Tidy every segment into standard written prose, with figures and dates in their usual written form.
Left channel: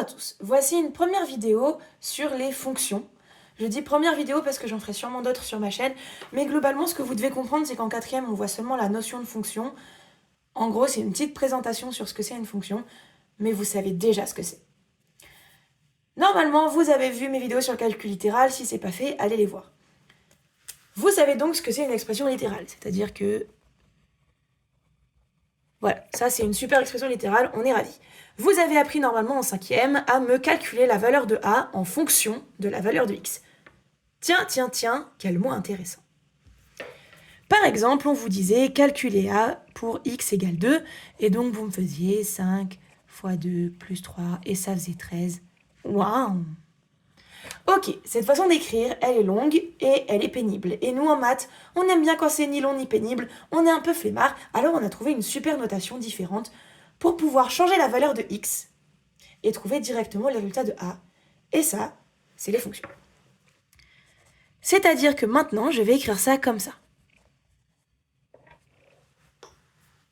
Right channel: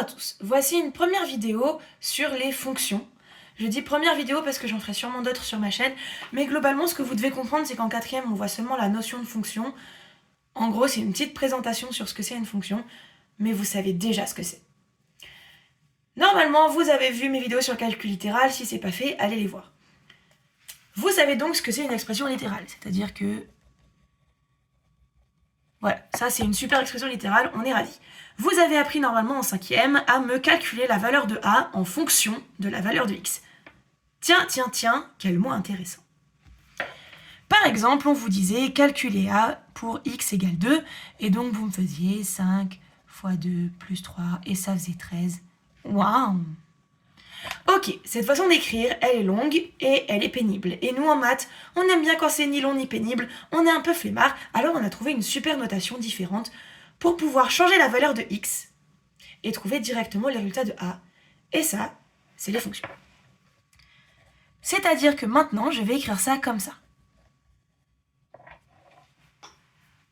à tous, voici une première vidéo sur les fonctions. Je dis première vidéo parce que j'en ferai sûrement d'autres sur ma chaîne, mais globalement ce que vous devez comprendre c'est qu'en quatrième on voit seulement la notion de fonction. En gros c'est une petite présentation sur ce que c'est une fonction, mais vous savez déjà ce que c'est. Normalement vous avez vu mes vidéos sur le calcul littéral, si c'est pas fait, allez les voir. Vous savez donc ce que c'est une expression littérale, c'est-à-dire que... Voilà, ça c'est une super expression littérale, on est ravis. Vous avez appris normalement en cinquième à me calculer la valeur de a en fonction de la valeur de x. Tiens, quel mot intéressant. Par exemple, on vous disait calculer a pour x égale 2, et donc vous me faisiez 5 fois 2 plus 3, et ça faisait 13. Waouh! Ok, cette façon d'écrire, elle est longue et elle est pénible. Et nous en maths, on aime bien quand c'est ni long ni pénible, on est un peu flemmard, alors on a trouvé une super notation différente pour pouvoir changer la valeur de x et trouver directement le résultat de a. Et ça, c'est les fonctions. C'est-à-dire que maintenant, je vais écrire ça comme ça.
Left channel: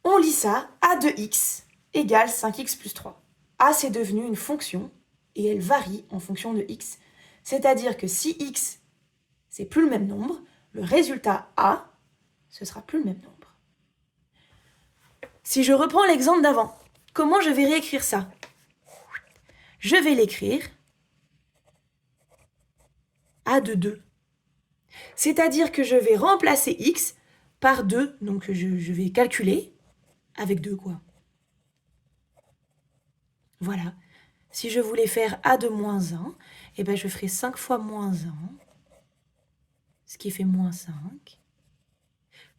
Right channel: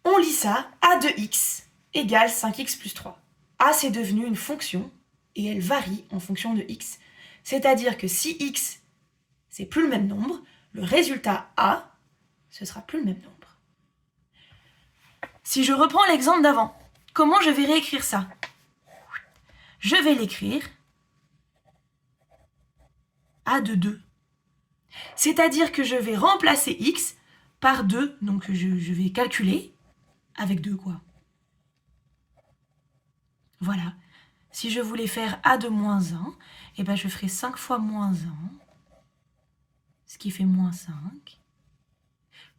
On lit ça, a de x égale 5x plus 3. A, c'est devenu une fonction et elle varie en fonction de x. C'est-à-dire que si x, c'est plus le même nombre, le résultat a, ce sera plus le même nombre. Si je reprends l'exemple d'avant, comment je vais réécrire ça? Je vais l'écrire a de 2. C'est-à-dire que je vais remplacer x par 2, donc je vais calculer avec 2 quoi. Voilà. Si je voulais faire a de moins 1, eh ben je ferai 5 fois moins 1, ce qui fait moins 5,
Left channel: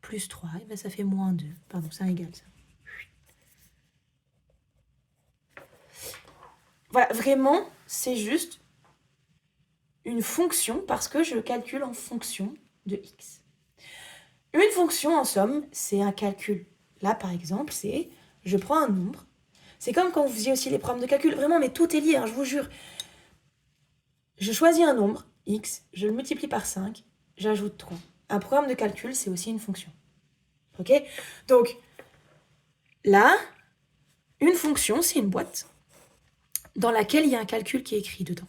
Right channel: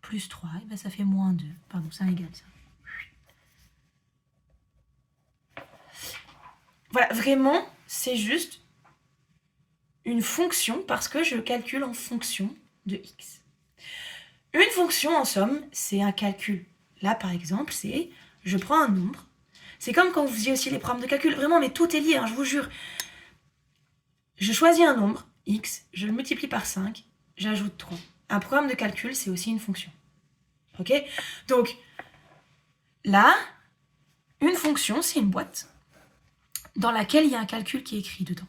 plus 3, eh ben ça fait moins 2. Pardon, c'est égal ça. Voilà, vraiment, c'est juste une fonction parce que je calcule en fonction de x. Une fonction, en somme, c'est un calcul. Là, par exemple, c'est je prends un nombre. C'est comme quand vous faisiez aussi les programmes de calcul. Vraiment, mais tout est lié, hein, je vous jure. Je choisis un nombre, x, je le multiplie par 5, j'ajoute 3. Un programme de calcul, c'est aussi une fonction. Ok? Donc, là, une fonction, c'est une boîte dans laquelle il y a un calcul qui est écrit dedans.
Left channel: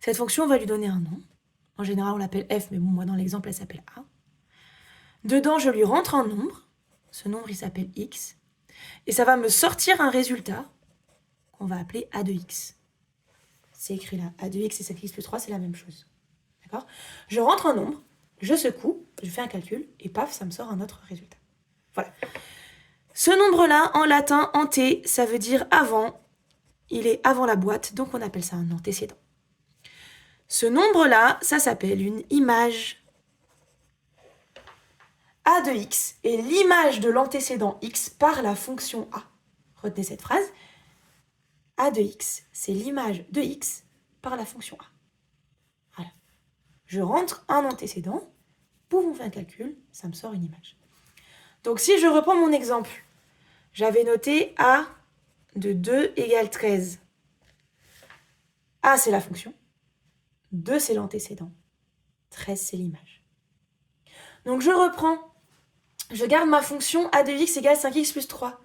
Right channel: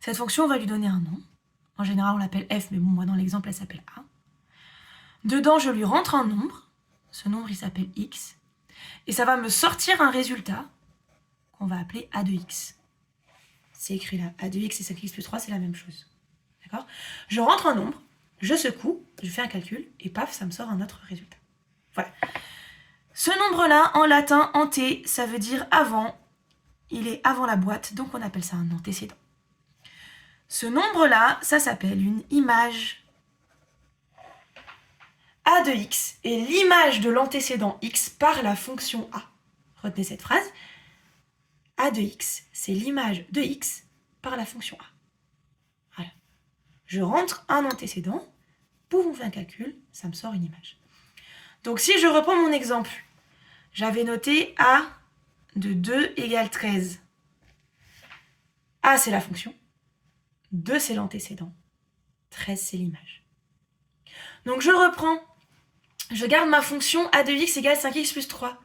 Cette fonction, on va lui donner un nom. En général, on l'appelle f, mais bon, moi, dans l'exemple, elle s'appelle a. Dedans, je lui rentre un nombre. Ce nombre, il s'appelle x. Et ça va me sortir un résultat qu'on va appeler a de x. C'est écrit là. a de x et 5x plus 3, c'est la même chose. D'accord? Je rentre un nombre, je secoue, je fais un calcul, et paf, ça me sort un autre résultat. Voilà. Ce nombre-là, en latin, ante, ça veut dire avant. Il est avant la boîte, donc on appelle ça un antécédent. Ce nombre-là, ça s'appelle une image. A de x est l'image de l'antécédent x par la fonction a. Retenez cette phrase. A de x, c'est l'image de x par la fonction a. Voilà. Je rentre un antécédent, boum, on fait un calcul, ça me sort une image. Donc si je reprends mon exemple, j'avais noté a de 2 égale 13. A, c'est la fonction. 2, c'est l'antécédent. 13, c'est l'image. Donc je reprends. Je garde ma fonction a de x égale 5x plus 3.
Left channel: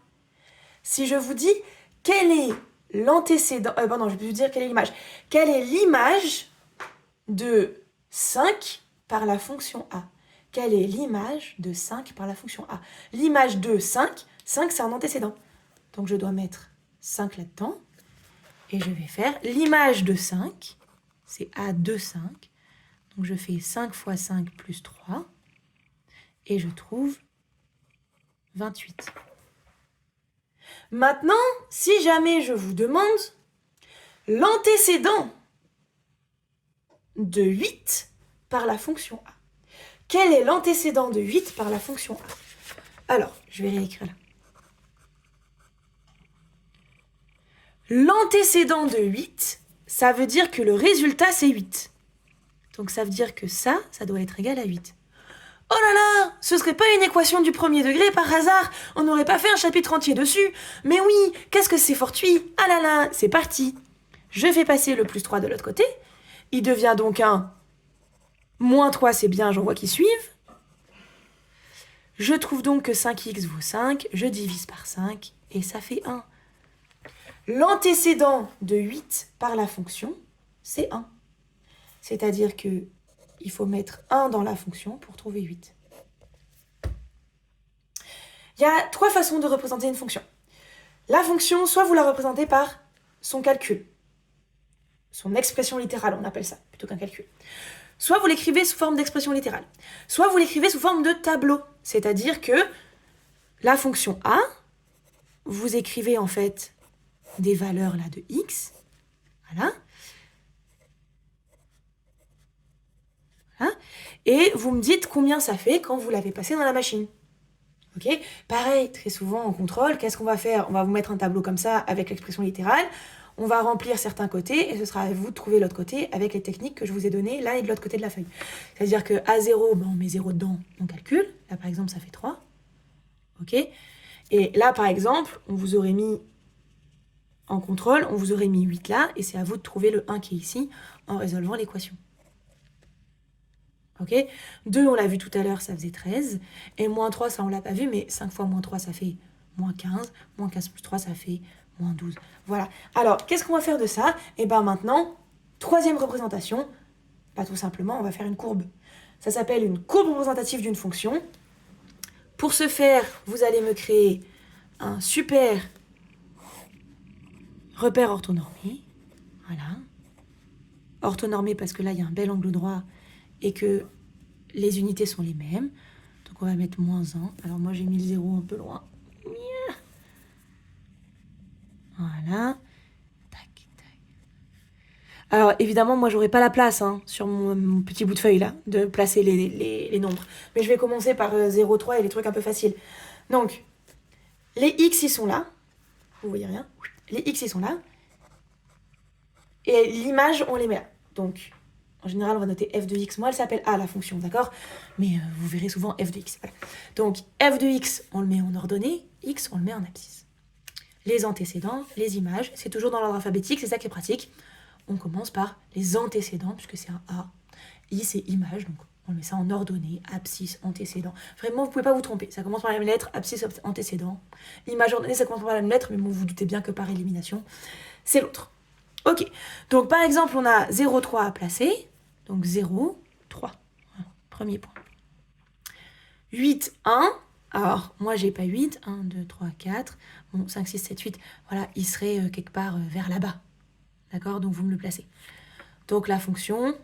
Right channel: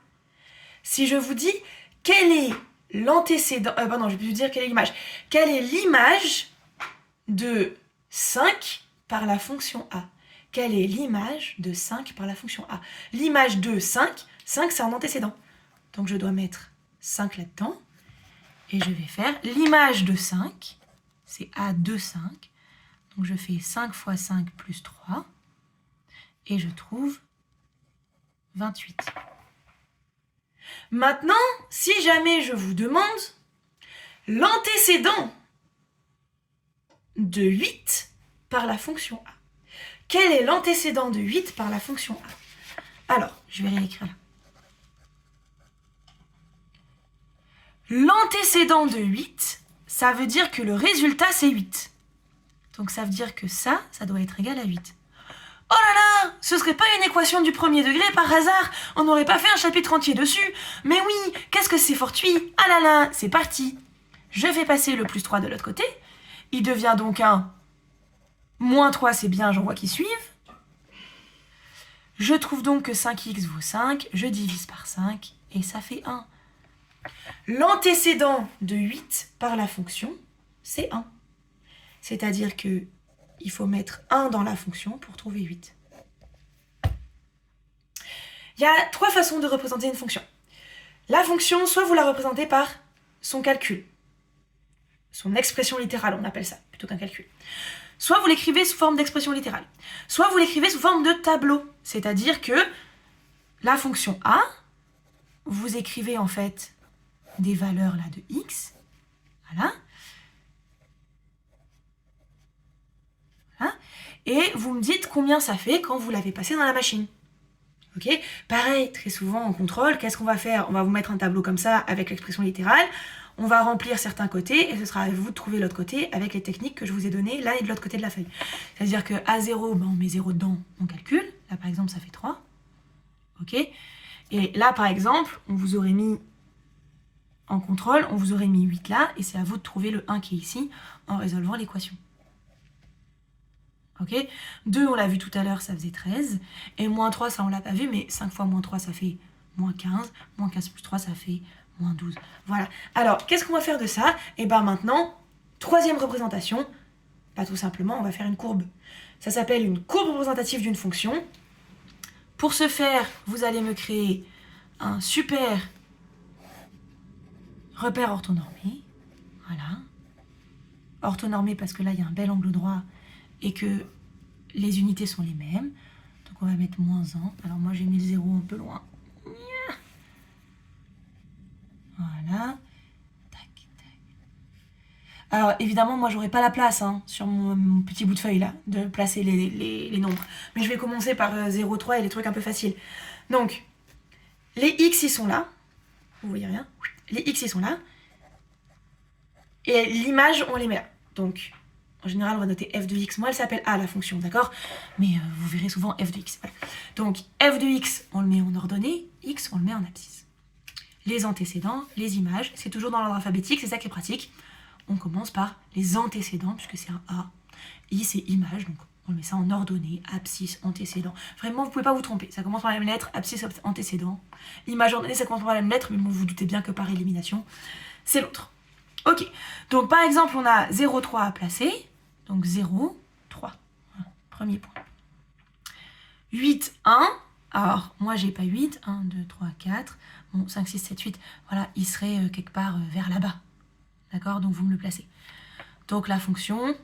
Si je vous dis quel est l'antécédent... je vais vous dire quelle est l'image. Quelle est l'image de 5 par la fonction a? Quelle est l'image de 5 par la fonction a? L'image de 5, 5 c'est un antécédent. Donc je dois mettre 5 là-dedans. Et je vais faire l'image de 5, c'est a de 5. Donc je fais 5 fois 5 plus 3. Et je trouve 28. Maintenant, si jamais je vous demande l'antécédent de 8 par la fonction a. Quel est l'antécédent de 8 par la fonction a? Alors, je vais réécrire là. L'antécédent de 8, ça veut dire que le résultat, c'est 8. Donc ça veut dire que ça doit être égal à 8. Oh là là, ce serait pas une équation du premier degré par hasard? On n'aurait pas fait un chapitre entier dessus? Mais oui, qu'est-ce que c'est fortuit? Ah là là, c'est parti. Je fais passer le plus 3 de l'autre côté. Il devient donc un moins 3, c'est bien, j'en vois qui suivent. Je trouve donc que 5x vaut 5, je divise par 5, et ça fait 1. L'antécédent de 8 par la fonction, c'est 1. C'est-à-dire que il faut mettre 1 dans la fonction pour trouver 8. Il y a 3 façons de représenter une fonction. La fonction, soit vous la représentez par son calcul, son expression littérale, on appelle ça, plutôt qu'un calcul. Soit vous l'écrivez sous forme d'expression littérale, soit vous l'écrivez sous forme de tableau. C'est-à-dire que la fonction a, vous écrivez en fait des valeurs là de x, voilà, et vous me dites combien ça fait quand vous l'avez passé dans la machine. Ok ? Pareil, très souvent en contrôle, qu'est-ce qu'on va faire ? On va vous mettre un tableau comme ça avec l'expression littérale, on va remplir certains côtés et ce sera à vous de trouver l'autre côté avec les techniques que je vous ai données là et de l'autre côté de la feuille. C'est-à-dire que à 0, on met 0 dedans, on calcule. Là par exemple, ça fait 3. Ok ? Et là par exemple, on vous aurait mis en contrôle, on vous aurait mis 8 là et c'est à vous de trouver le 1 qui est ici en résolvant l'équation. Ok ? 2, on l'a vu tout à l'heure, ça faisait 13. Et moins 3, ça on l'a pas vu, mais 5 fois moins 3, ça fait moins 15. Moins 15 plus 3, ça fait moins 12. Voilà. Alors, qu'est-ce qu'on va faire de ça ? Et bien maintenant, troisième représentation, tout simplement, on va faire une courbe. Ça s'appelle une courbe représentative d'une fonction. Pour ce faire, vous allez me créer un super repère orthonormé. Voilà. Orthonormé parce que là, il y a un bel angle droit et que les unités sont les mêmes. Donc on va mettre moins 1. Alors moi j'ai mis le 0 un peu loin. Voilà. Tac, tac. Alors évidemment moi j'aurai pas la place sur mon petit bout de feuille là de placer les nombres. Mais je vais commencer par 0, 3 et les trucs un peu faciles. Donc les x ils sont là. Vous voyez rien. Les x ils sont là. Et l'image on les met là. Donc en général, on va noter f de x. Moi, elle s'appelle a, la fonction, d'accord ? Mais vous verrez souvent f de x. Voilà. Donc, f de x, on le met en ordonnée. X, on le met en abscisse. Les antécédents, les images, c'est toujours dans l'ordre alphabétique. C'est ça qui est pratique. On commence par les antécédents, puisque c'est un a. I, c'est image. Donc, on met ça en ordonnée. Abscisse, antécédent. Vraiment, vous ne pouvez pas vous tromper. Ça commence par la même lettre. Abscisse, antécédent. Image ordonnée, ça commence par la même lettre. Mais vous vous doutez bien que par élimination, c'est l'autre. Ok, donc par exemple, on a 0, 3 à placer. Donc 0, 3. Voilà, premier point. 8, 1. Alors, moi, j'ai pas 8. 1, 2, 3, 4. Bon, 5, 6, 7, 8. Voilà, il serait quelque part vers là-bas. D'accord ? Donc, vous me le placez. Donc, la fonction...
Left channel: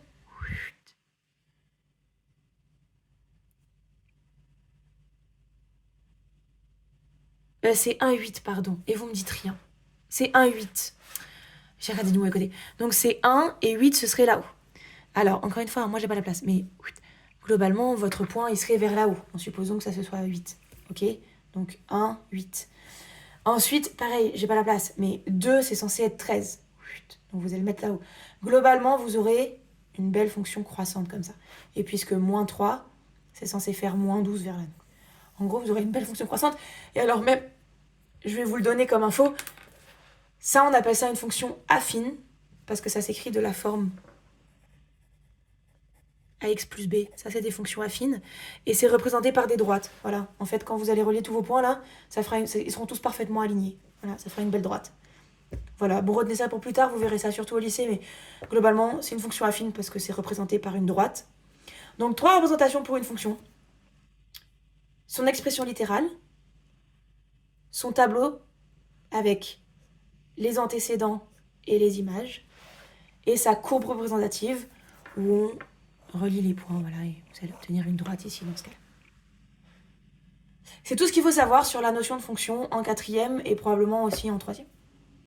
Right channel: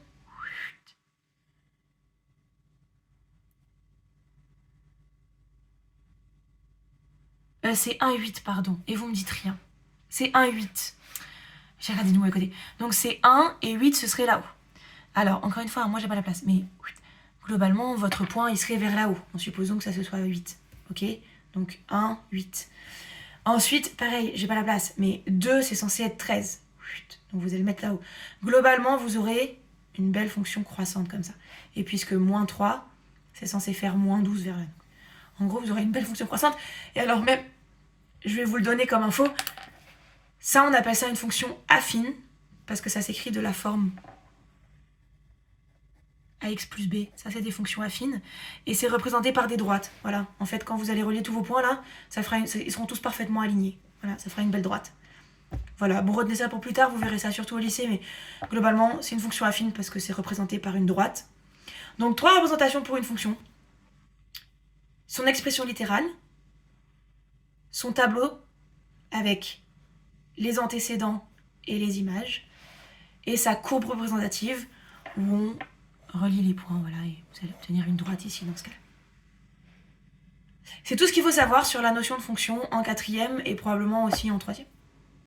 c'est 1, 8, pardon. Et vous me dites rien. C'est 1, 8. J'ai regardé de nous à côté. Donc c'est 1 et 8, ce serait là-haut. Alors, encore une fois, moi j'ai pas la place, mais globalement, votre point, il serait vers là-haut, en supposant que ça se soit 8. Ok ? Donc 1, 8. Ensuite, pareil, j'ai pas la place, mais 2, c'est censé être 13. Donc vous allez le mettre là-haut. Globalement, vous aurez une belle fonction croissante comme ça. Et puisque moins 3, c'est censé faire moins 12 vers là. En gros, vous aurez une belle fonction croissante. Et alors même, je vais vous le donner comme info, ça, on appelle ça une fonction affine, parce que ça s'écrit de la forme ax plus b. Ça, c'est des fonctions affines. Et c'est représenté par des droites. Voilà. En fait, quand vous allez relier tous vos points, là, ils seront tous parfaitement alignés. Voilà, ça fera une belle droite. Voilà, bon, retenez ça pour plus tard, vous verrez ça surtout au lycée, mais globalement, c'est une fonction affine parce que c'est représenté par une droite. Donc, 3 représentations pour une fonction. Son expression littérale, son tableau avec les antécédents et les images, et sa courbe représentative où on relie les points, voilà, et vous allez obtenir une droite ici dans ce cas-là. C'est tout ce qu'il faut savoir sur la notion de fonction en 4e et probablement aussi en 3e.